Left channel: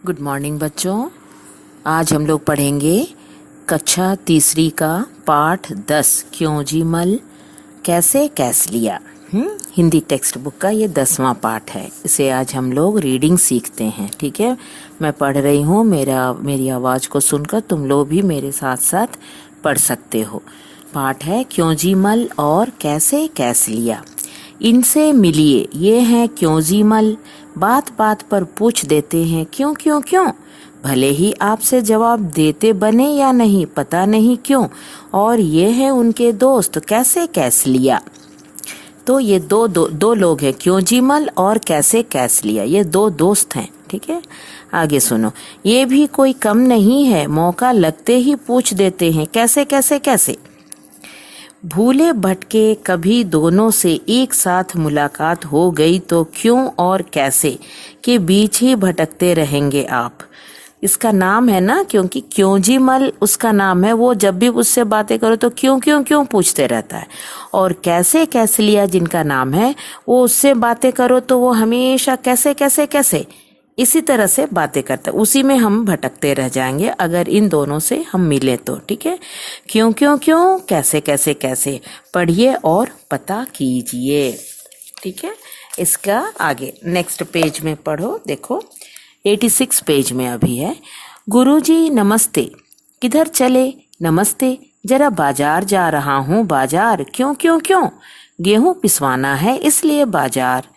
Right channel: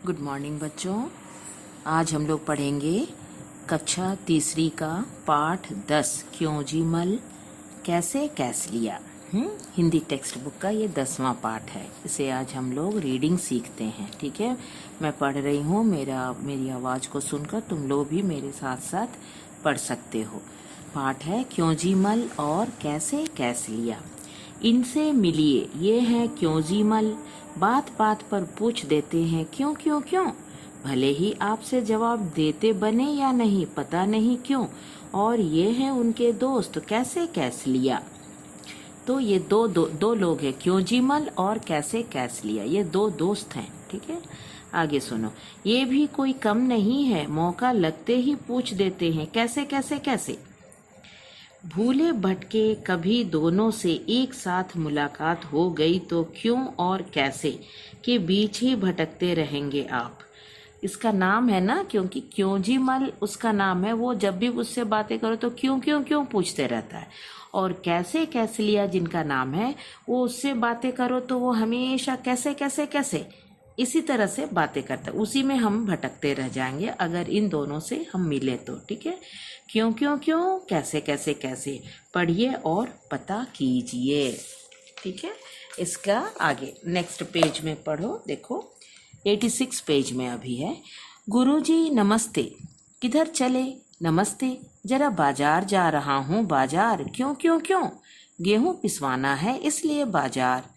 Good morning बच्चों। आज हम लोग पढ़ेंगे कक्षा तीसरी का पाठ 10 क्यों जी मल कैसे कैस लिया। हिंदी टेक्स्ट बुक का ये 10वां पाठ है। इसे आज हम लोग रीडिंग सीखते हैं। ठीक है, मैं पढ़ रही हूँ, मेरी आवाज़ को सुनकर तुम लोग भी मेरे साथ साथ पढ़ सकते हो। पाठ है क्यों जी मल और कैसे कैस लिया। इनसे मिलिए, ये हैं क्यों जी मल, बात बात पर पूछ देते हैं क्यों क्यों क्यों, भले ही आपसे जवाब देते बने या नहीं पता नहीं क्यों, और ये है उनके दोस्त कैसे कैस लिया। तो ये दो लोग हैं, क्यों जी मल और कैसे कैस लिया, ये दो दोस्त हैं। ठीक है, आगे सुनो। ये भी कोई कम नहीं है, मौका लगते ही पूछ देते हैं कैसे कैसे कैसे। भूले भटके कभी दोनों से एक साथ मुलाकात हो गई तो क्यों और कैसे के बीच ही भटकते रहेंगे आप। इसका नाम है ना, क्योंकि क्यों जी मल उसका नाम है। वो जब भी उससे बातें करो तो क्यों क्यों क्यों पूछते रहता है। और कैसे कैसे लिया जिनका नाम है, वो उससे बातें करो तो वो हमेशा कैसे कैसे कैसे इसी तरह से बातें करता है। उसी में हम भटकते रह जाएंगे अगर इन दोनों से हम मिले तो। ठीक है, क्यों क्यों क्यों कैसे कैसे कैसे पढ़िए और पता कीजिए। ठीक है, इसका आगे नेक्स्ट पेज में पढ़ो। देखो 86 पेज में अभी है। गुरुजी नमस्ते, किधर चले, नमस्ते, जरा बाजार जा रहा हूँ, बाजार क्यों क्यों क्यों, गेहूं पिसवाना है इसलिए बाजार।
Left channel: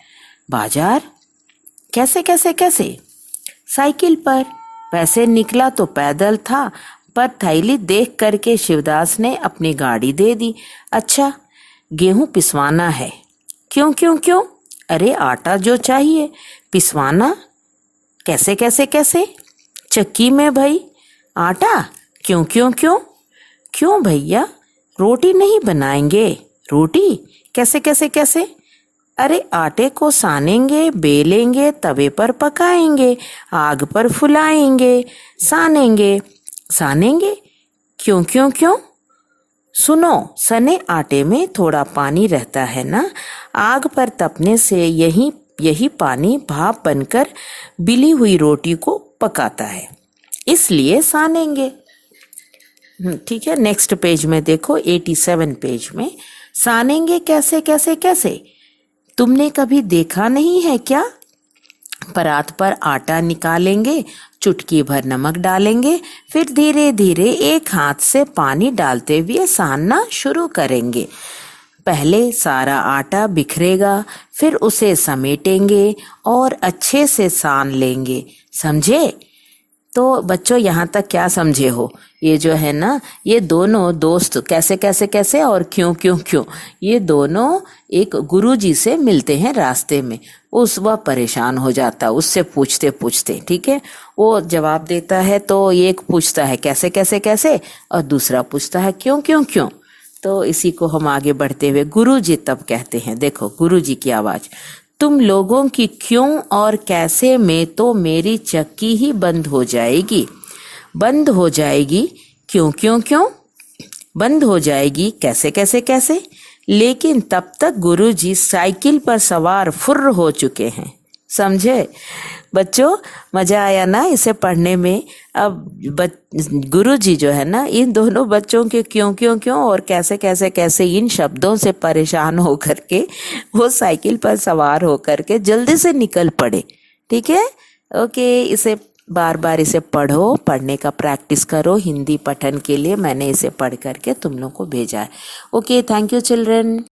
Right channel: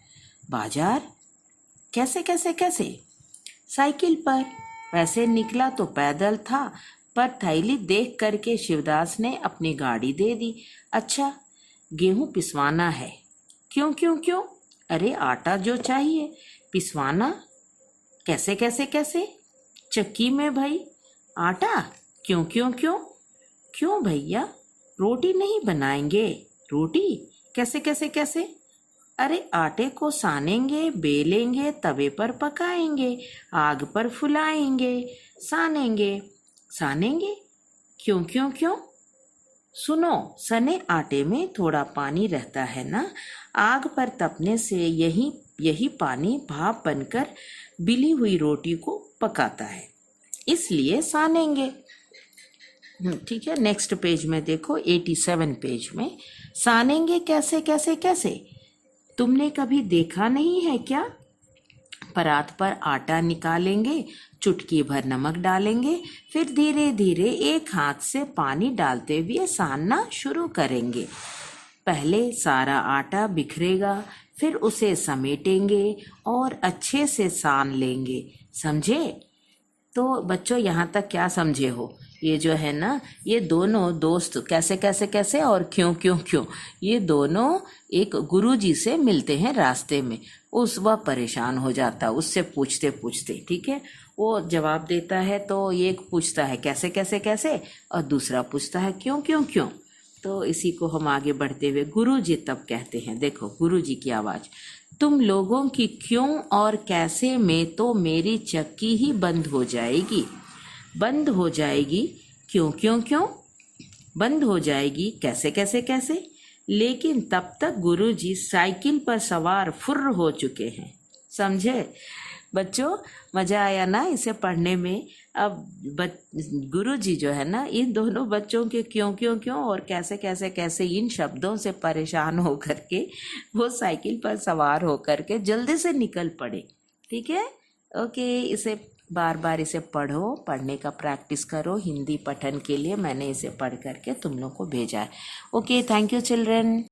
बाजार कैसे कैसे कैसे, साइकिल पर, वैसे निकला तो पैदल था, पर थैली देख करके शिवदास ने अपनी गाड़ी दे दी। अच्छा, गेहूं पिसवाना है क्यों क्यों क्यों, अरे आटा जो चाहिए पिसवाना कैसे कैसे कैसे, चक्की में भई आटा क्यों क्यों क्यों, क्यों भैया रोटी नहीं बनाएंगे, रोटी कैसे कैसे कैसे, अरे आटे को सानेंगे बेलेंगे तवे पर पकाएंगे आग पर फुलाएंगे सानेंगे सानेंगे क्यों क्यों क्यों, सुनो सने आटे में थोड़ा पानी रहता है ना, आग पर तपने से यही पानी भाप बनकर बिली हुई रोटी को पकाता है, इसलिए सानेंगे। ठीक है, नेक्स्ट पेज में देखो 87 पेज में। सानेंगे कैसे कैसे कैसे, तुमने कभी देखा नहीं है क्या, परात पर आटा निकालेंगे, चुटकी भर नमक डालेंगे, फिर धीरे धीरे एक हाथ से पानी डालते हुए सानना शुरू करेंगे। पहले सारा आटा बिखरेगा, फिर उसे समेटेंगे और अच्छे से सान लेंगे, समझे। तो बच्चों यहाँ तक क्या समझे हो, ये जो है ना, ये दोनों दोस्त कैसे कैसे कैसे और क्यों क्यों क्यों, ये दोनों एक गुरुजी से मिलते हैं रास्ते में। वह परेशान हो जाता उससे पूछते पूछते। ठीक है, वो जवाब देता है तो एक पूछता है कैसे कैसे कैसे और दूसरा पूछता है क्यों क्यों क्यों। तो इसी को हम आगे बढ़ते हुए गुरुजी तब कहते हैं, देखो गुरुजी की आवाज, तुम लोगों की क्यों और कैसे में तो मेरी चक्की ही बंद हो जाएगी, बंद हो जाएगी क्यों क्यों क्यों, बंद हो जाएगी कैसे कैसे कैसे, लेकिन तब तक गुरुजी साइकिल पर सवार फुर्र हो चुके हैं, समझे। बच्चों मजा आया ना इसे पढ़ने में। अब गुरुजी जो है ना, इन दोनों बच्चों के क्यों क्यों क्यों और कैसे कैसे कैसे इन शब्दों से परेशान हो करके वो साइकिल पर सवार हो करके जल्दी से निकल पड़े। ठीक है, ओके, इसे बार बार इसे पढ़ो, पढ़ने का प्रैक्टिस करो। हिंदी पठन के लिए मैंने इसे पढ़ करके तुम लोग को भेजा है। Okay, thank you children.